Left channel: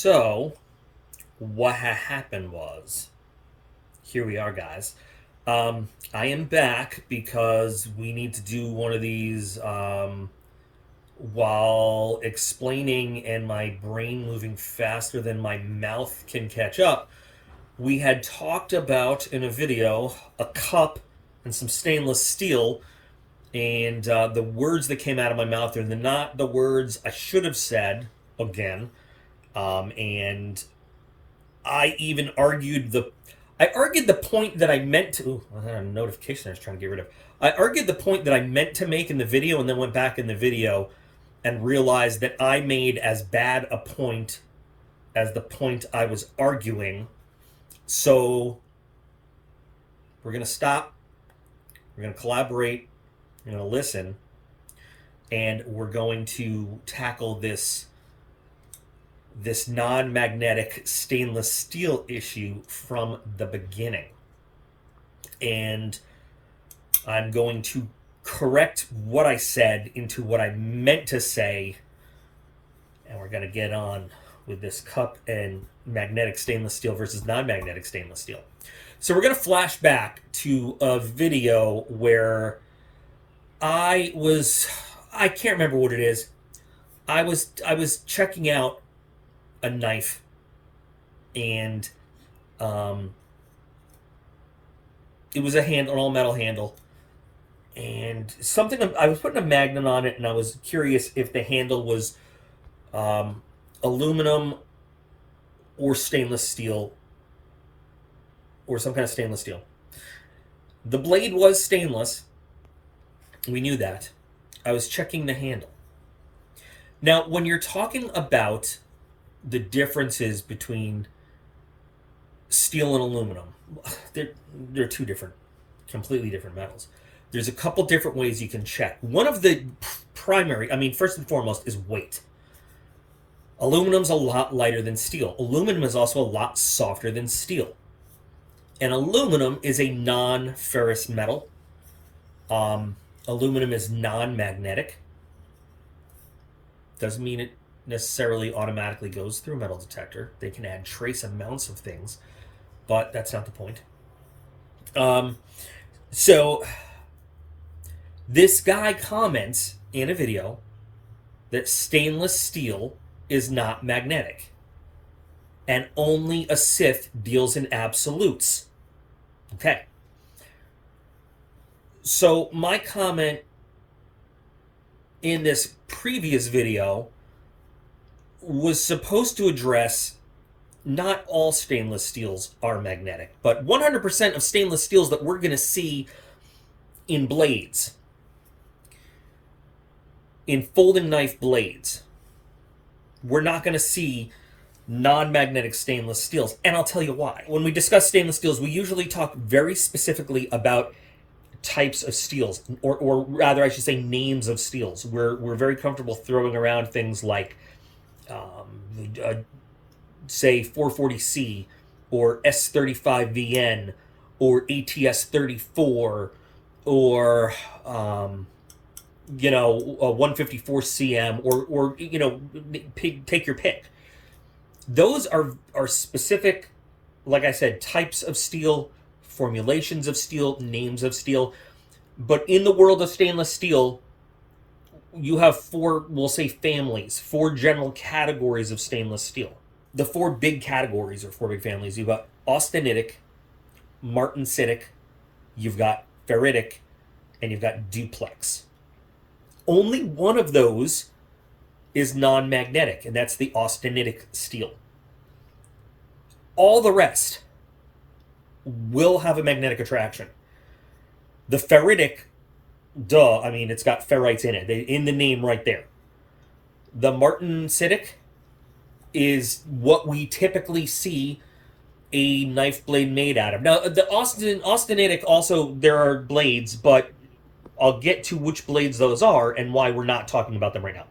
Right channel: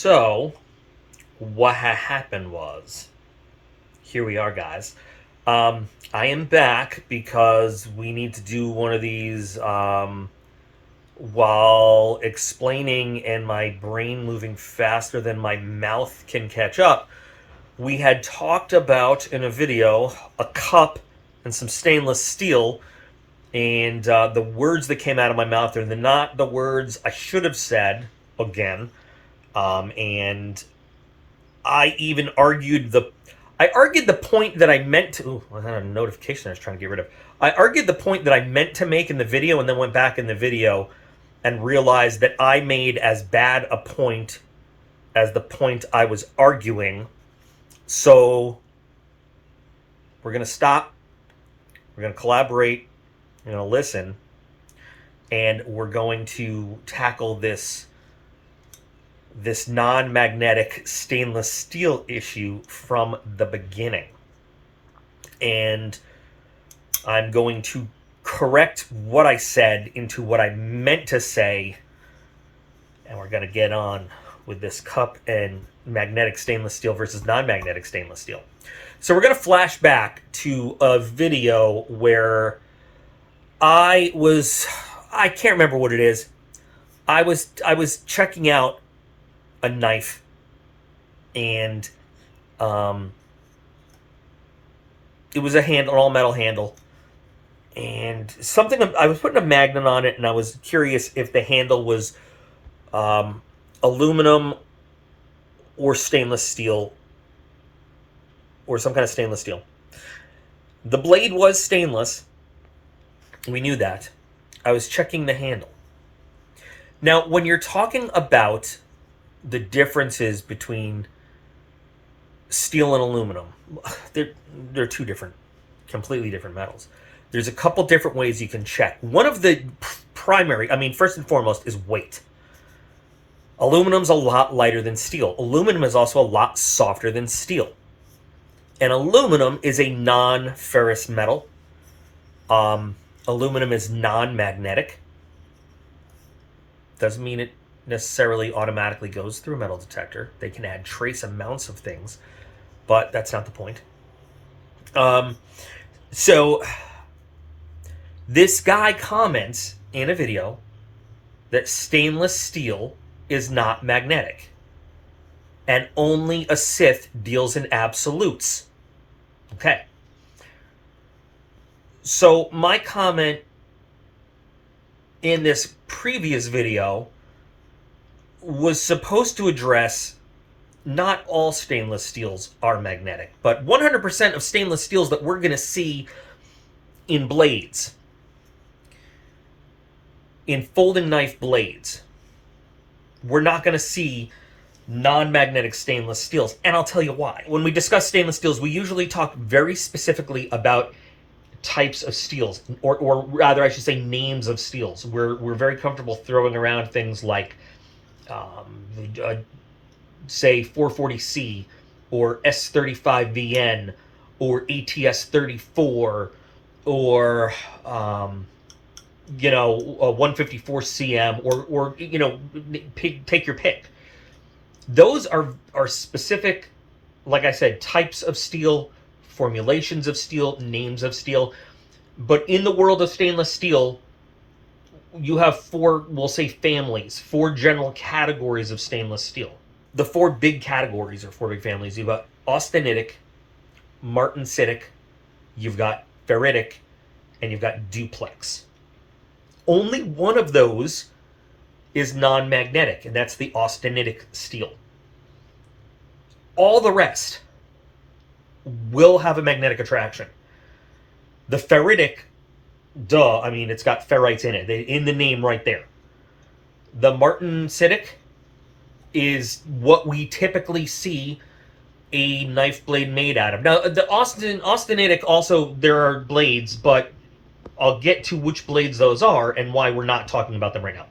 So, what happened was, here we are, guys. I am back because we need to do one of these while explaining and my brain moving faster than my mouth can catch up. We had talked about in a video a cup and some stainless steel, and the words that came out of my mouth are not the words I should have said again. And I even argued the point that I meant to. Ooh, I had a notification I was trying to get rid of. I argued the point that I meant to make in the video, and then went back in the video and realized that I made as bad a point as the point I was arguing. So we're gonna stop. We're gonna collaborate. We're gonna listen, and we're going to tackle this non-magnetic stainless steel issue from the beginning. And I'm going to correct what I said into what I meant to say, and we're going to get on with this cup and magnetic stainless steel versus non-magnetic stainless steel. So we're going to flash back to a video where I can't remember what it is. I was checking out a knife, and it was an all metal handle, and something I was putting a magnet on it, and I was curious if the handle was aluminum or stainless steel, or some kind of stainless steel. The blade was stainless. We knew that. I was checking the handle. Now, when you're talking about the differences between steel and aluminum, they're two completely different metals. There's a couple different ways you can check. One of the primary, first and foremost, is weight. Aluminum's a lot lighter than steel. Aluminum is also a lot softer than steel. And aluminum is a non-ferrous metal. Aluminum is non-magnetic. Doesn't mean it necessarily automatically goes through a metal detector. They can add trace amounts of things, but that's not the point. So this guy comments in a video that stainless steel is not magnetic, and only a Sith deals in absolutes. Okay. So my comment in this previous video was supposed to address not all stainless steels are magnetic, but 100% of stainless steels that we're going to see in blades, in folding knife blades, we're not going to see non-magnetic stainless steels. And I'll tell you why. When we discuss stainless steels, we usually talk very specifically about types of steels, or rather I should say names of steels. We're very comfortable throwing around things like say 440C or S35VN or ATS34 or a 154CM or take your pick. Those are specific, like I said, types of steel, formulations of steel, names of steel. But in the world of stainless steel, you have four general categories of stainless steel. The four big categories or four big families. You've got austenitic, martensitic, you've got ferritic, and you've got duplex. Only one of those is non-magnetic, and that's the austenitic steel. All the rest will have a magnetic attraction. The ferritic, it's got ferrites in it, in the name right there. The martensitic is what we typically see a knife blade made out of. Now, the austenitic also, there are blades, but I'll get to which blades those are and why we're not talking about them right now.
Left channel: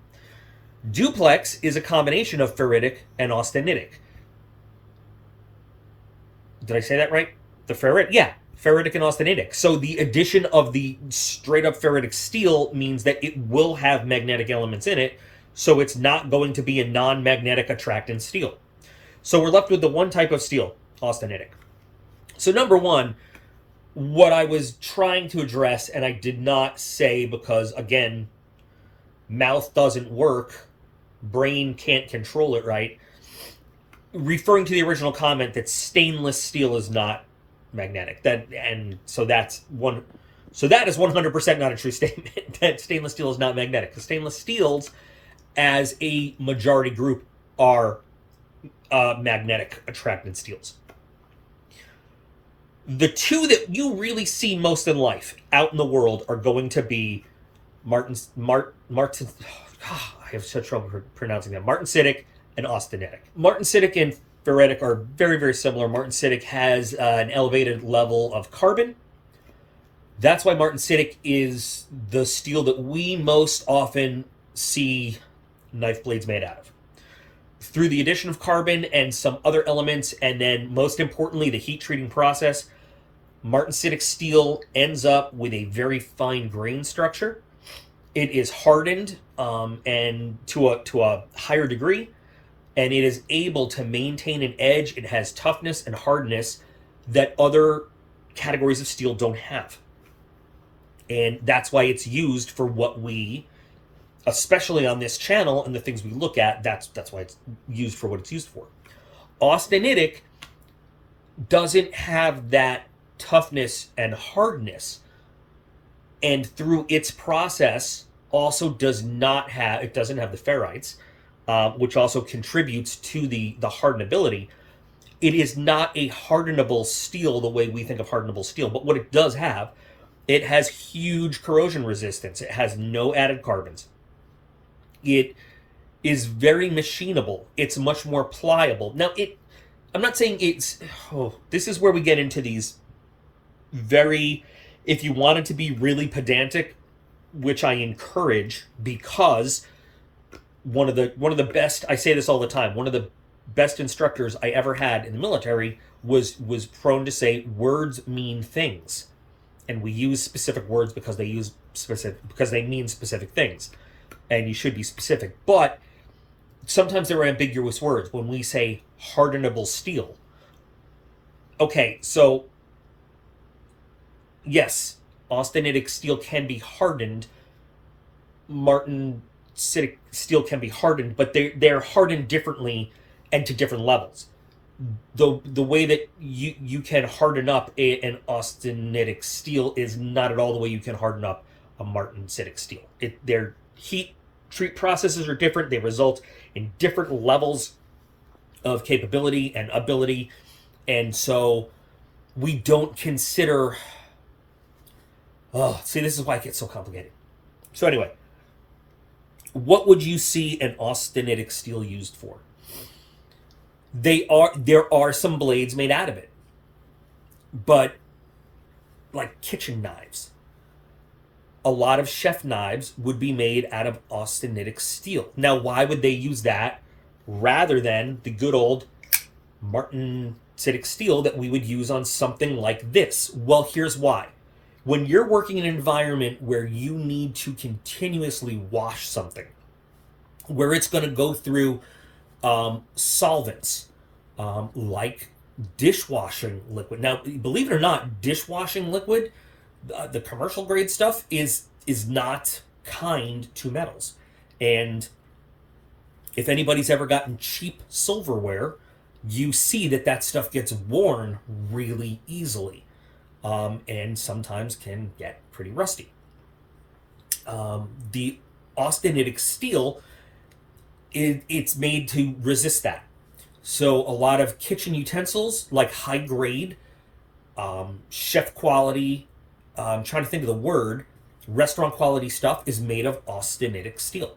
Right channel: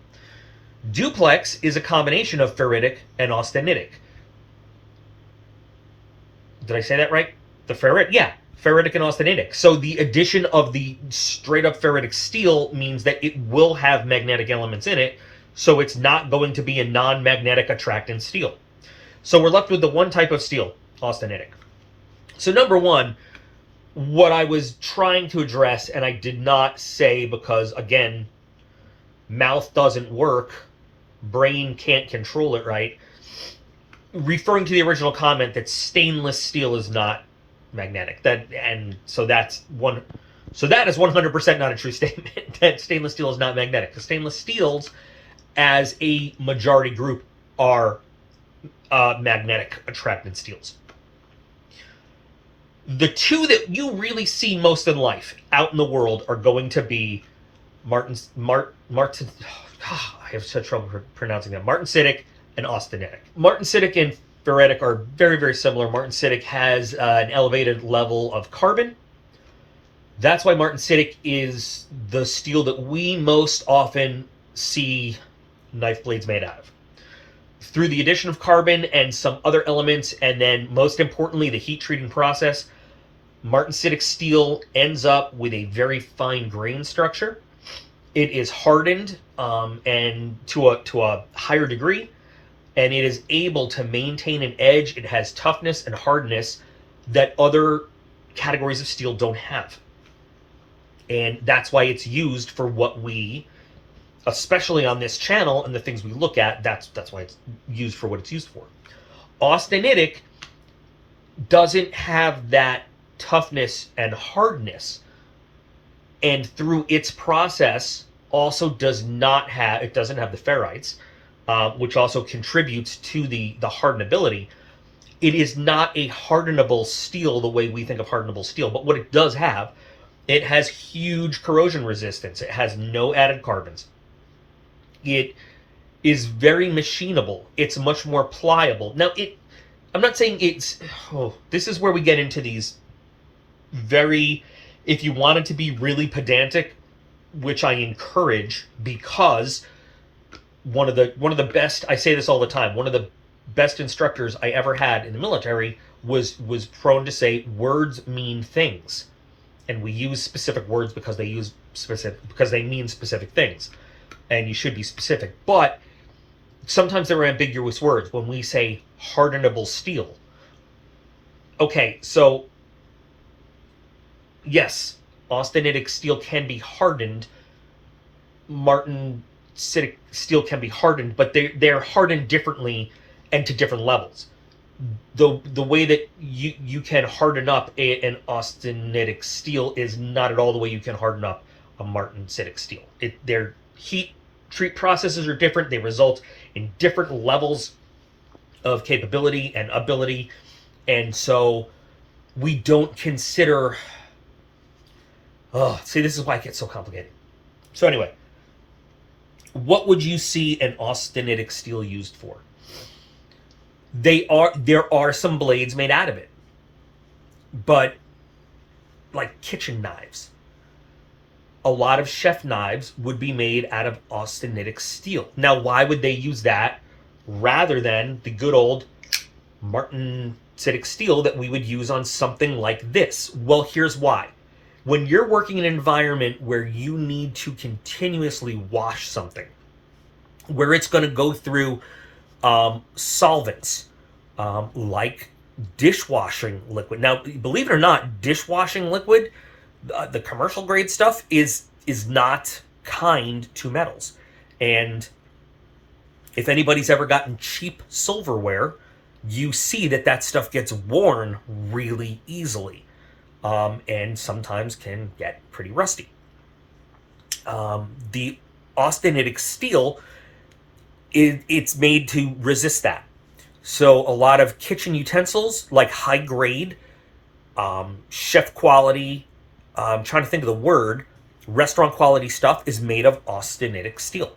Duplex is a combination of ferritic and austenitic. Did I say that right? The ferrit? Yeah, ferritic and austenitic. So the addition of the straight up ferritic steel means that it will have magnetic elements in it, so it's not going to be a non-magnetic attractant steel. So we're left with the one type of steel, austenitic. So number one, what I was trying to address, and I did not say because, again, mouth doesn't work, brain can't control it right, referring to the original comment that stainless steel is not magnetic. That is 100% not a true statement that stainless steel is not magnetic, because stainless steels as a majority group are magnetic attracted steels. The two that you really see most in life out in the world are going to be Martin. I have such trouble pronouncing them. Martensitic and austenitic. Martensitic and ferritic are very, very similar. Martensitic has an elevated level of carbon. That's why martensitic is the steel that we most often see knife blades made out of. Through the addition of carbon and some other elements, and then most importantly, the heat treating process, martensitic steel ends up with a very fine grain structure. It is hardened and to a higher degree, and it is able to maintain an edge. It has toughness and hardness that other categories of steel don't have. And that's why it's used for what we, especially on this channel and the things we look at, that's why it's used for what it's used for. Austenitic doesn't have that toughness and hardness, and through its process also doesn't have the ferrites, which also contributes to the hardenability. It is not a hardenable steel the way we think of hardenable steel, but what it does have, it has huge corrosion resistance. It has no added carbons. It is very machinable. It's much more pliable. Now, I'm not saying it's... this is where we get into these very... If you wanted to be really pedantic, which I encourage, because one of the best... I say this all the time. One of the best instructors I ever had in the military was prone to say, words mean things. And we use specific words because they mean specific things. And you should be specific. But sometimes there are ambiguous words. When we say hardenable steel, okay, so yes, austenitic steel can be hardened. Martensitic steel can be hardened, but they're hardened differently and to different levels. The way that you can harden up an austenitic steel is not at all the way you can harden up a martensitic steel. Their heat treat processes are different. They result in different levels of capability and ability, and so we don't consider... see, this is why it gets so complicated. So anyway, what would you see an austenitic steel used for? There are some blades made out of it, but like kitchen knives, a lot of chef knives would be made out of austenitic steel. Now, why would they use that rather than the good old martensitic steel that we would use on something like this? Well, here's why. When you're working in an environment where you need to continuously wash something, where it's going to go through solvents, like dishwashing liquid. Now, believe it or not, dishwashing liquid, the commercial grade stuff, is not kind to metals. And if anybody's ever gotten cheap silverware, you see that stuff gets worn really easily, and sometimes can get pretty rusty. The austenitic steel, it's made to resist that. So a lot of kitchen utensils, like high grade, chef quality, I'm trying to think of the word, restaurant quality stuff is made of austenitic steel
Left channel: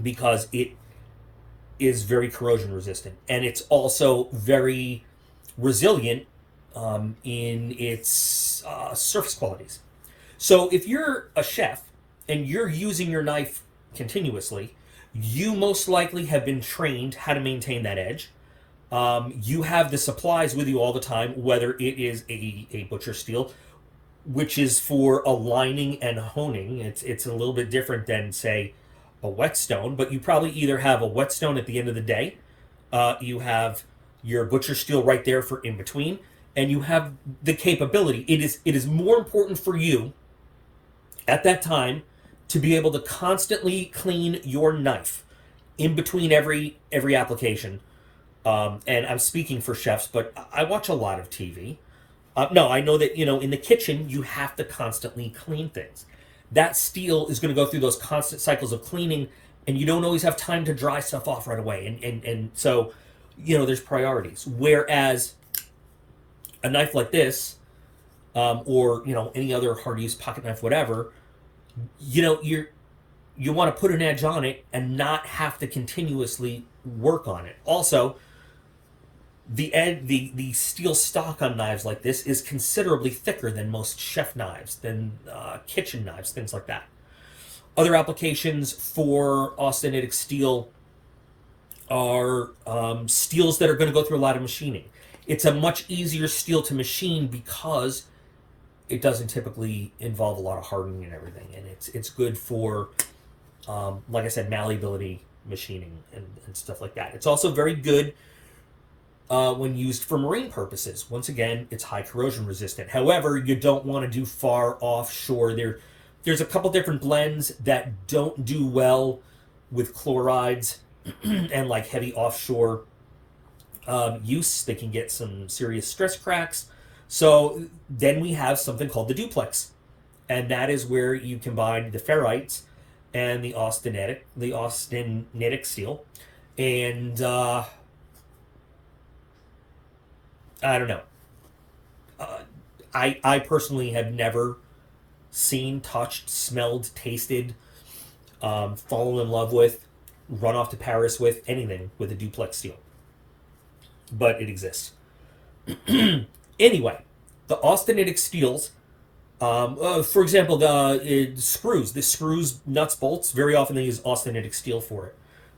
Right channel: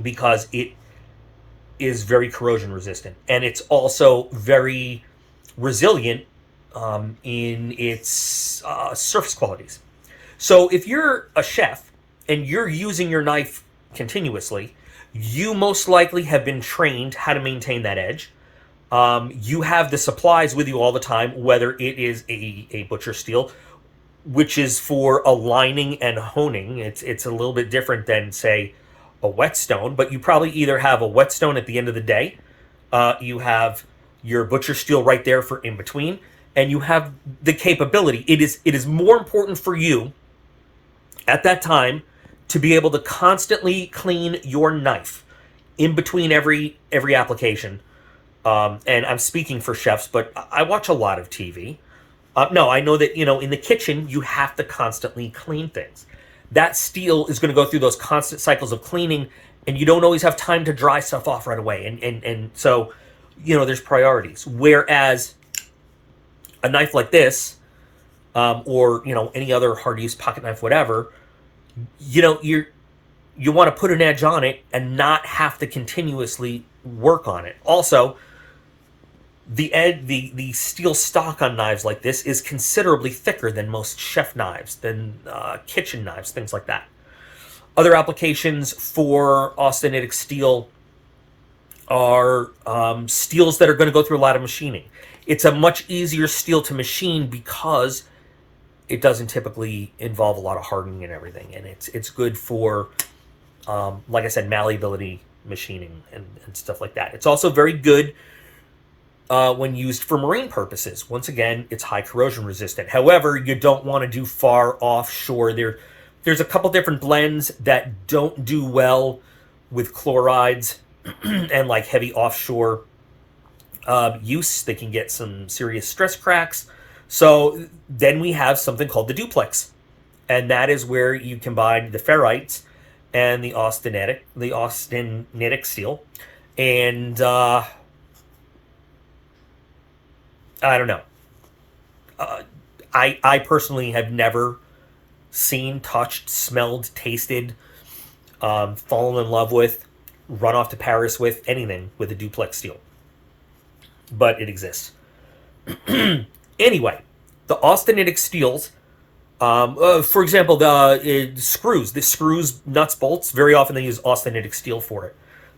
because it is very corrosion resistant, and it's also very resilient in its surface qualities. So if you're a chef and you're using your knife continuously, you most likely have been trained how to maintain that edge. You have the supplies with you all the time, whether it is a butcher steel, which is for aligning and honing. It's a little bit different than, say, a whetstone, but you probably either have a whetstone at the end of the day, You have your butcher steel right there for in between, and you have the capability. It is more important for you at that time to be able to constantly clean your knife in between every application. And I'm speaking for chefs, but I watch a lot of TV. No, I know that, in the kitchen, you have to constantly clean things. That steel is going to go through those constant cycles of cleaning, and you don't always have time to dry stuff off right away. And so, there's priorities. Whereas a knife like this, or, any other hard use pocket knife, whatever, you want to put an edge on it and not have to continuously work on it. Also, the steel stock on knives like this is considerably thicker than most chef knives, than kitchen knives, things like that. Other applications for austenitic steel are steels that are going to go through a lot of machining. It's a much easier steel to machine because it doesn't typically involve a lot of hardening and everything, and it's good for, like I said, malleability machining and stuff like that. It's also very good when used for marine purposes. Once again, it's high corrosion resistant. However, you don't want to do far offshore. There's a couple different blends that don't do well with chlorides and like heavy offshore use. They can get some serious stress cracks. So then we have something called the duplex, and that is where you combine the ferrites and the austenitic steel, and I don't know. I personally have never seen, touched, smelled, tasted, fallen in love with, run off to Paris with anything with a duplex steel, but it exists. Anyway, the austenitic steels, for example, the screws, nuts, bolts, very often they use austenitic steel for it.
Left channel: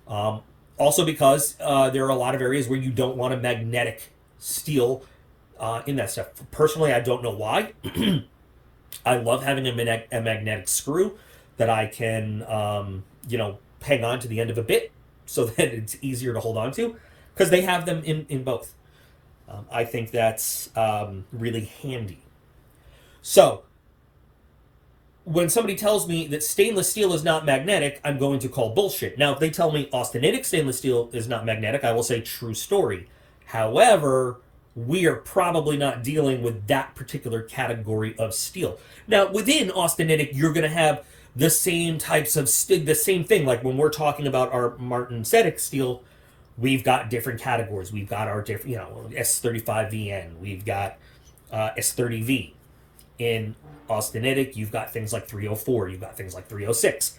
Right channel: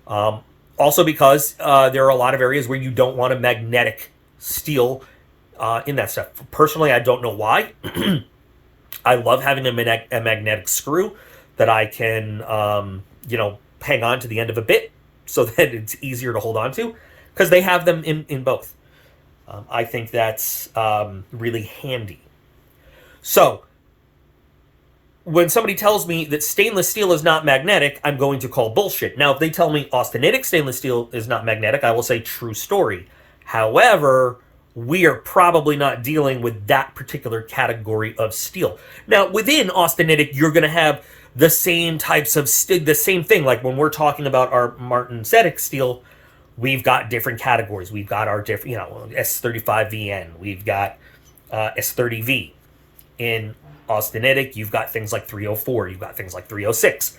Also because there are a lot of areas where you don't want a magnetic steel in that stuff. Personally, I don't know why. I love having a magnetic screw that I can, hang on to the end of a bit so that it's easier to hold on to, because they have them in both. I think that's really handy. So, when somebody tells me that stainless steel is not magnetic, I'm going to call bullshit. Now, if they tell me austenitic stainless steel is not magnetic, I will say true story. However, we are probably not dealing with that particular category of steel. Now, within austenitic, you're going to have the same types of the same thing. Like when we're talking about our martensitic steel, we've got different categories. We've got our different, S35VN. We've got S30V. In austenitic, you've got things like 304. You've got things like 306.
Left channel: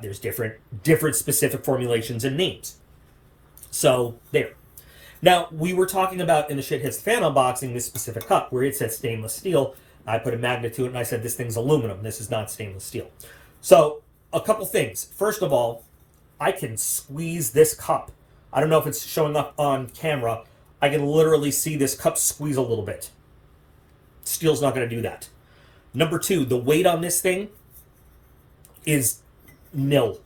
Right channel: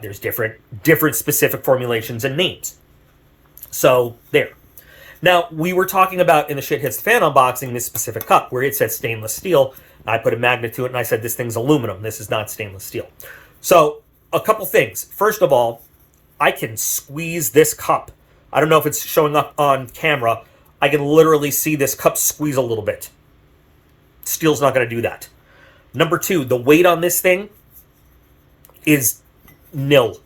There's different specific formulations and names. So there. Now, we were talking about in the Shit Hits the Fan unboxing this specific cup where it said stainless steel. I put a magnet to it and I said this thing's aluminum. This is not stainless steel. So a couple things. First of all, I can squeeze this cup. I don't know if it's showing up on camera. I can literally see this cup squeeze a little bit. Steel's not going to do that. Number two, the weight on this thing is nil.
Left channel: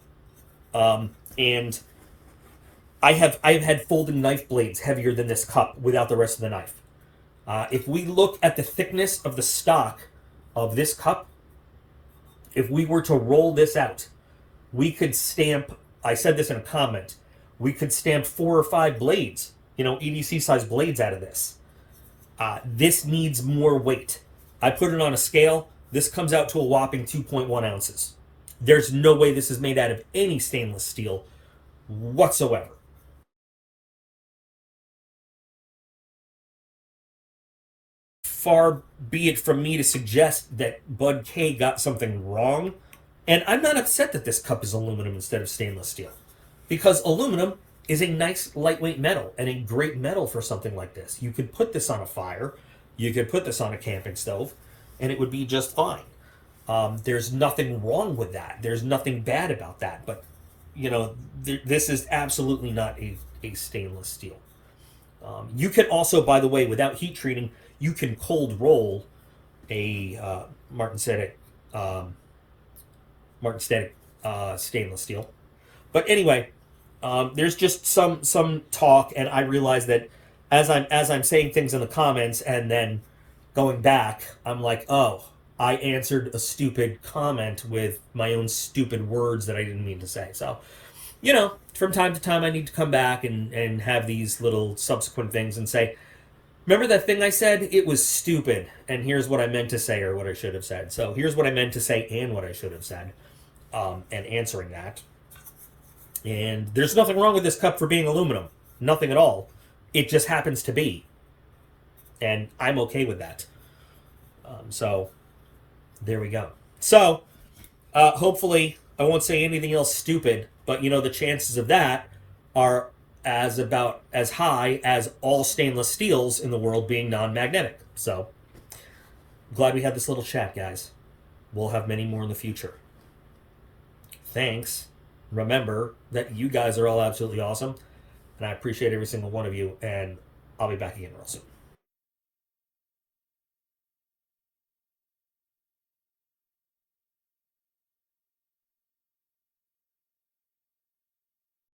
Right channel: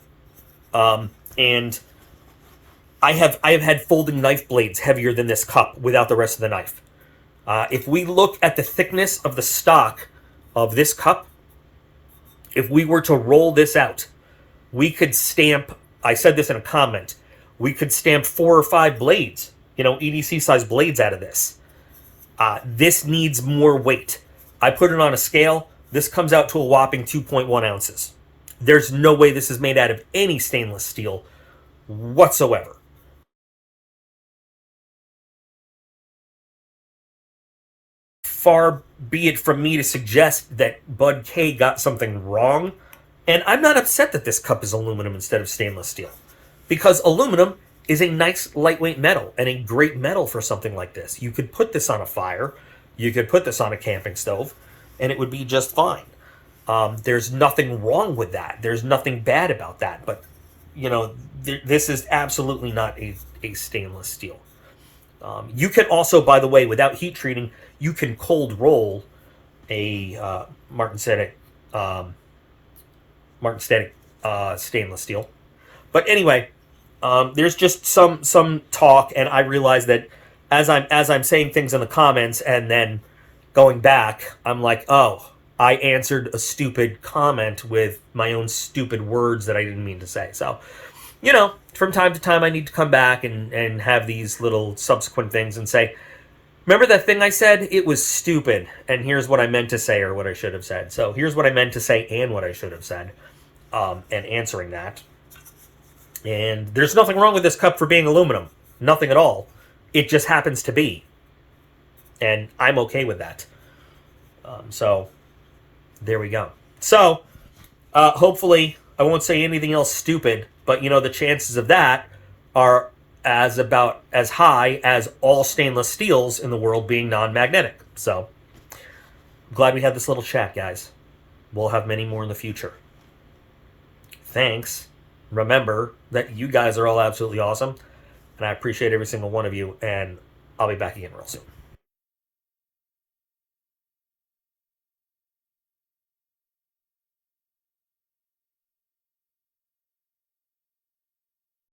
And I have had folding knife blades heavier than this cup without the rest of the knife. If we look at the thickness of the stock of this cup, if we were to roll this out, we could stamp, I said this in a comment, we could stamp 4 or 5 blades, EDC size blades out of this. This needs more weight. I put it on a scale. This comes out to a whopping 2.1 ounces. There's no way this is made out of any stainless steel whatsoever. Far be it from me to suggest that Bud K got something wrong. And I'm not upset that this cup is aluminum instead of stainless steel, because aluminum is a nice lightweight metal and a great metal for something like this. You could put this on a fire, you could put this on a camping stove, and it would be just fine. There's nothing wrong with that. There's nothing bad about that. But, this is absolutely not a stainless steel. You can also, by the way, without heat treating, you can cold roll a martensitic stainless steel. But anyway, There's just some talk, and I realize that as I'm saying things in the comments and then going back, I'm like, oh, I answered a stupid comment with my own stupid words that I didn't mean to say. So, from time to time, I need to come back and have these little subsequent things and say, remember that thing I said? It was stupid, and here's what I meant to say or what I should have said. So here's what I meant to say and what I should have said, and answering that. And there's nothing wrong with this cup for being aluminum. Nothing at all. It just happens to be. And I'm okay with that. So, there we go. So, hopefully, I won't say anything else stupid, but the chances of that are about as high as all stainless steels in the world being non-magnetic. So, glad we had this little chat, guys. We'll have many more in the future. Thanks. Remember that you guys are all absolutely awesome, and I appreciate every single one of you, and I'll be back again real soon.